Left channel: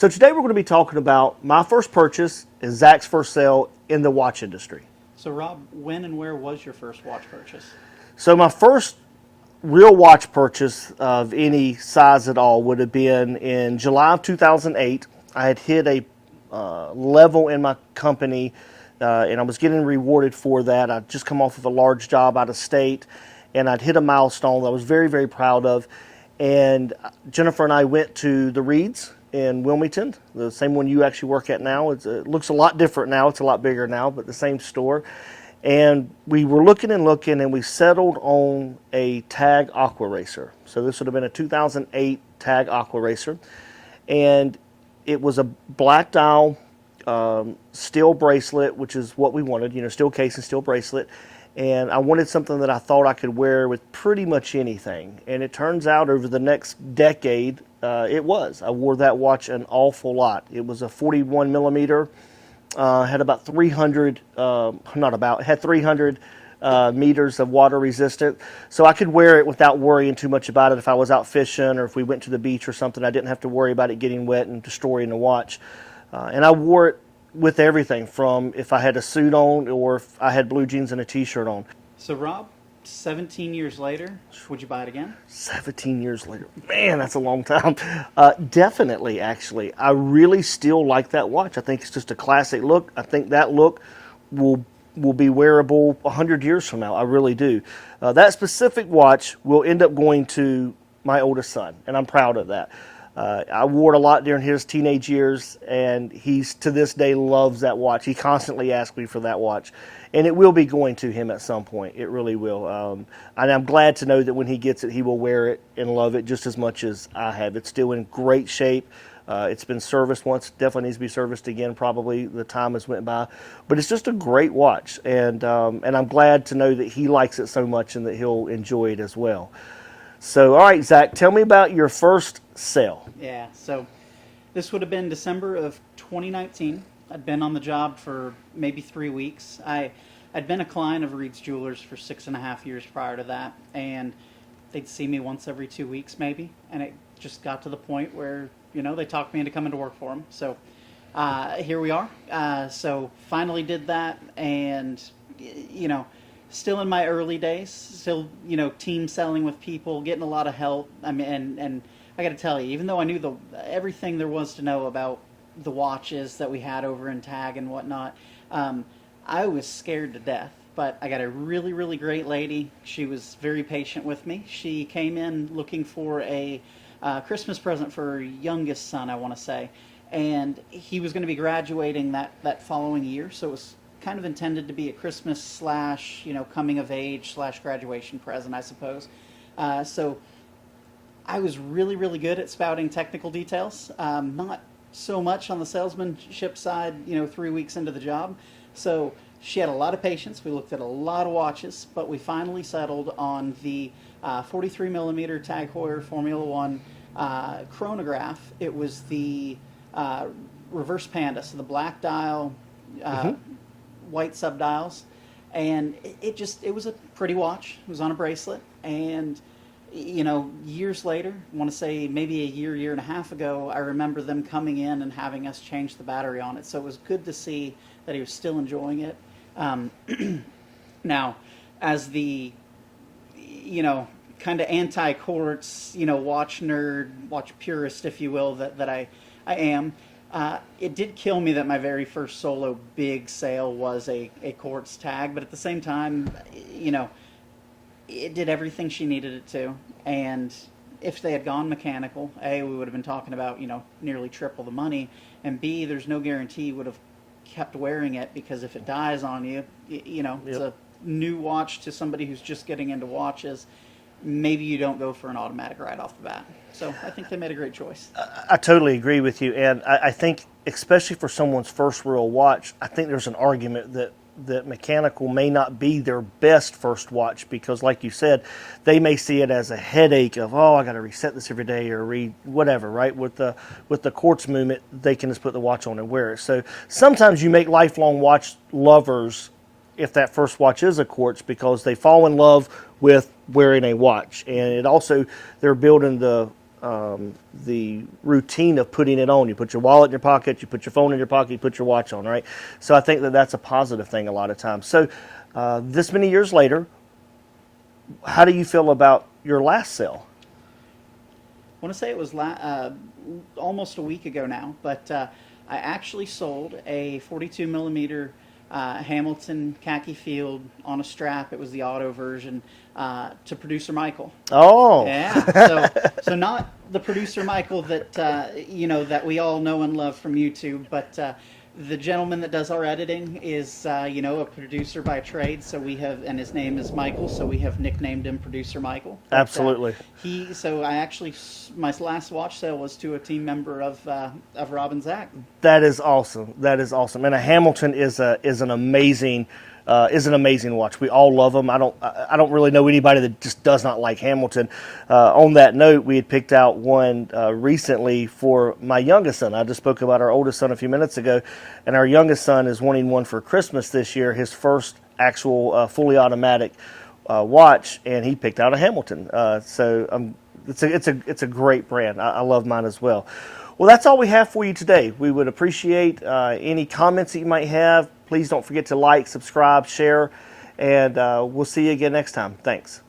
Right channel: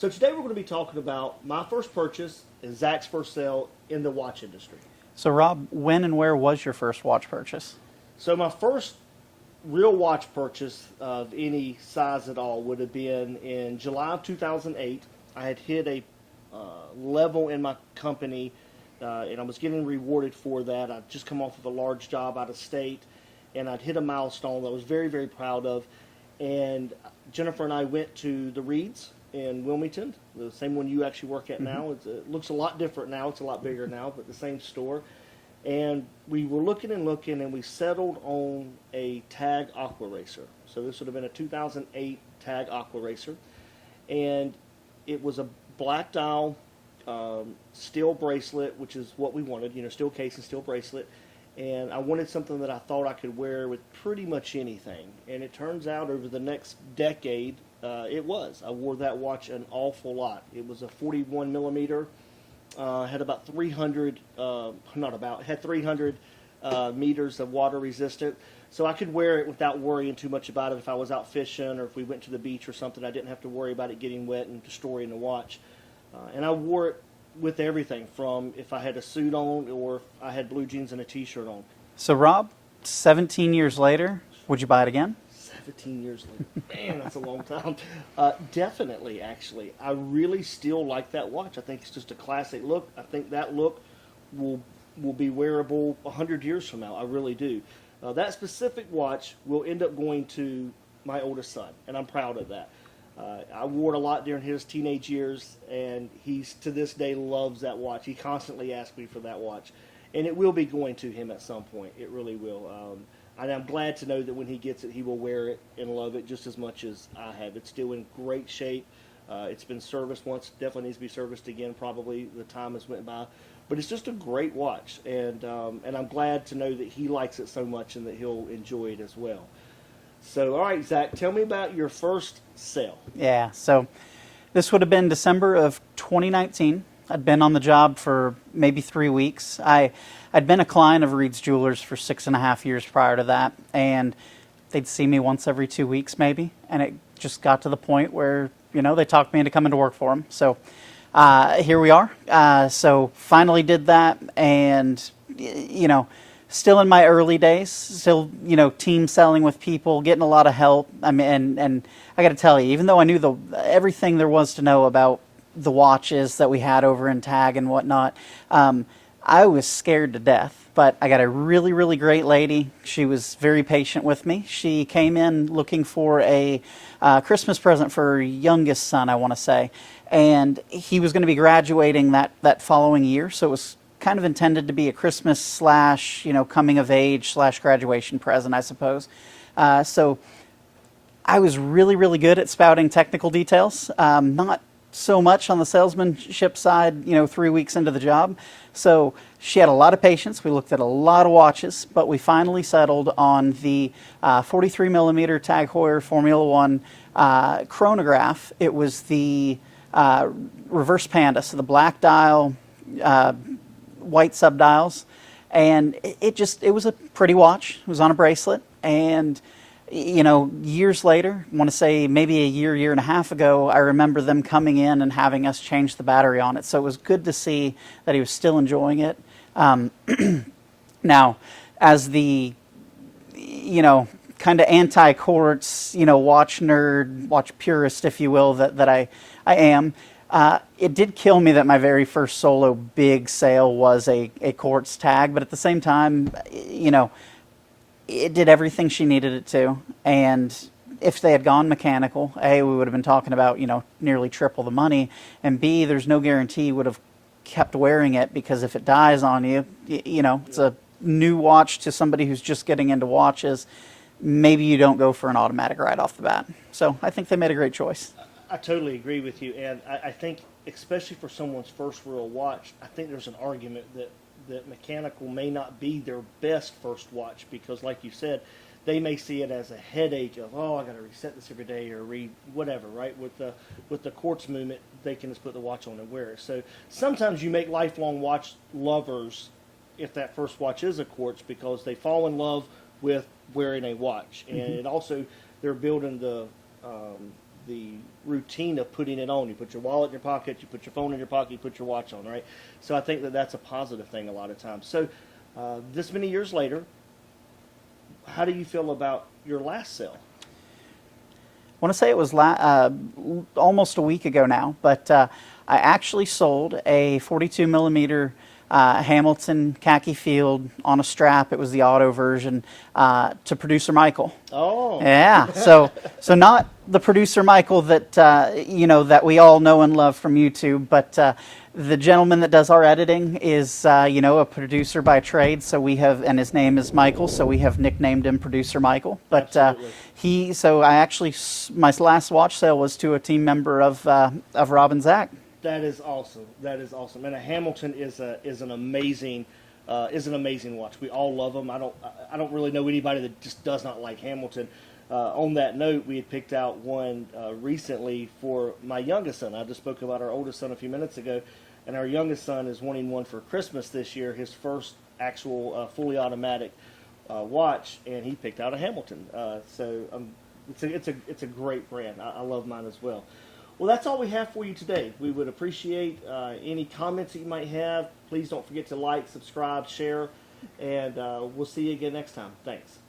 So today we're going to be talking about my first purchase and Zach's first sale in the watch industry. So Rob, when and where was your first watch purchase? So my first real watch purchase of any size at all would have been in July of 2008. I had hit a level in my company and I was getting rewarded for that. I'd just come off of a large job out of state and I'd hit a milestone that I was very, very proud of. And Jennifer and I went to the Reeds in Wilmington, the same one you actually work at now. It looks a lot different now. It's a lot bigger now, but the same store. And we were looking and we settled on a TAG Aquaracer. So this would have been a 2008 TAG Aquaracer. And it was a black dial, steel bracelet, which is what we wanted, steel case and steel bracelet. And I wanted something that I thought I could wear with pretty much anything. And it turns out over the next decade, it was. I wore that watch an awful lot. It was a 41 millimeter, had about 300, had 300 meters of water resistant. So I could wear it without worrying too much about it. If I was out fishing or if we went to the beach or something, I didn't have to worry about it getting wet and destroying the watch. And I wore it with everything from if I had a suit on or if I had blue jeans and a t-shirt on. So Rob, 17 years later, would you buy it again? 17 years later. Man, that's a long time. Definitely, actually. I really still like that watch. I think it's just a classic look. I think that look will be wearable 100 years from now. I really do. That specific watch will end up going to my oldest son, and I'm proud of that. I wore it a lot during his teenage years, and he's to this day loves that watch. He constantly asks me for that watch, and it will be going to him at some point. It really will. And I'm glad to know that when he gets it, he will wear it and love it just as much as I have. It's still in great shape. It's been serviced once. Definitely needs to be serviced again. Probably the time has went by, but it's just a great watch, and I'm glad to know that he likes it so much and that he'll enjoy it as well. So, all right, Zach, tell me about your first sale. Yeah, so this would have been December of 2019. I'd been on the job for maybe 3 weeks. I'd been a client of Reed's Jewelers for 6.5 years prior to that, and they'd see me once every 2 weeks maybe, and it just got to the point where, they talked me into coming to work for them. So here we are. So finally did that, and, still in my early days, still, team selling with people, getting a lot of help. I mean, and I got to tell you, even though I knew everything there was to know about the watches that we had over in TAG and whatnot, I was scared to death. But I got a really, really great lady. She was very patient with me. She came in looking for a Christmas present for her youngest son, I want to say. And he was going to be graduating that following year, so it was kind of intended to be a Christmas / coming of age / graduation present, I suppose. So I was really, really good at spouting technical details. Not so much on the salesmanship side, 3 weeks into the job. So she had a lot of patience. We looked at a lot of watches, but we finally settled on the 43 millimeter TAG Heuer Formula 1 chronograph. It was the reverse panda, so the black dial, white subdials, and it was a pretty watch. It was on a bracelet, and years later, I want to say maybe a year and a half ago, I remember them coming in and having us change the battery on it. So it was good to see that he was still enjoying it. Now, as the kind of anti-quartz watch nerd, watch purist, if you will, that I am. It did kill me that my very first solo big sale was a quartz tag, but at the same time, it did everything she needed it to. And if they had gone mechanical, A, we would have been talking about, nearly triple the money, and B, there's no guarantee you would have kept wearing it, because if it dies on you, it's a new watch to somebody who's just getting into watches. Maybe you don't go for an automatic right off the bat. So I think they made a great choice. I totally agree with you, and I think especially for someone's first real watch, I think there's an argument that mechanical may not be their best first watch, because like you said, they may see it as a headache of, oh, I got to reset this every day or whatever, right? With the quartz movement, they can just put the watch on and wear it. So sometimes you make lifelong watch lovers if that first watch is a quartz, because they fall in love with wearing a watch, and it also, they're building the the routine of putting it on. You put your wallet in your pocket, you put your phone in your pocket, you put your watch on, right? So I think that that's a positive thing a lot of times. So this many years later, how do you feel about your last sale? I want to say it was almost a week ago now, but I actually sold a 42 millimeter Hamilton khaki field on a strap. It was the auto version to producer Michael. Oh, yeah. So not the producer Michael that that we all know and love from YouTube, but the gentleman that does our editing is a producer by trade. So we have, and his name is Michael. So we have nicknamed him Producer Michael. But, absolutely. My last watch sale was to a team member of Rob and Zach. That is awesome. That is awesome. And a Hamilton is an amazing watch. We all love them. I don't really know anybody that just does not like Hamilton. On that note, we had picked out one recently for my youngest son. I just spoke about our oldest son a few minutes ago, and our youngest son is wanting one for Christmas this year. His first actual fully automatic watch, and he picked out a Hamilton. It's a great brand. I love mine as well. Well, that's all we have for you today. We would appreciate any comments that you might have. Please don't forget to like, subscribe, share, and we'll see you again next time. Thanks.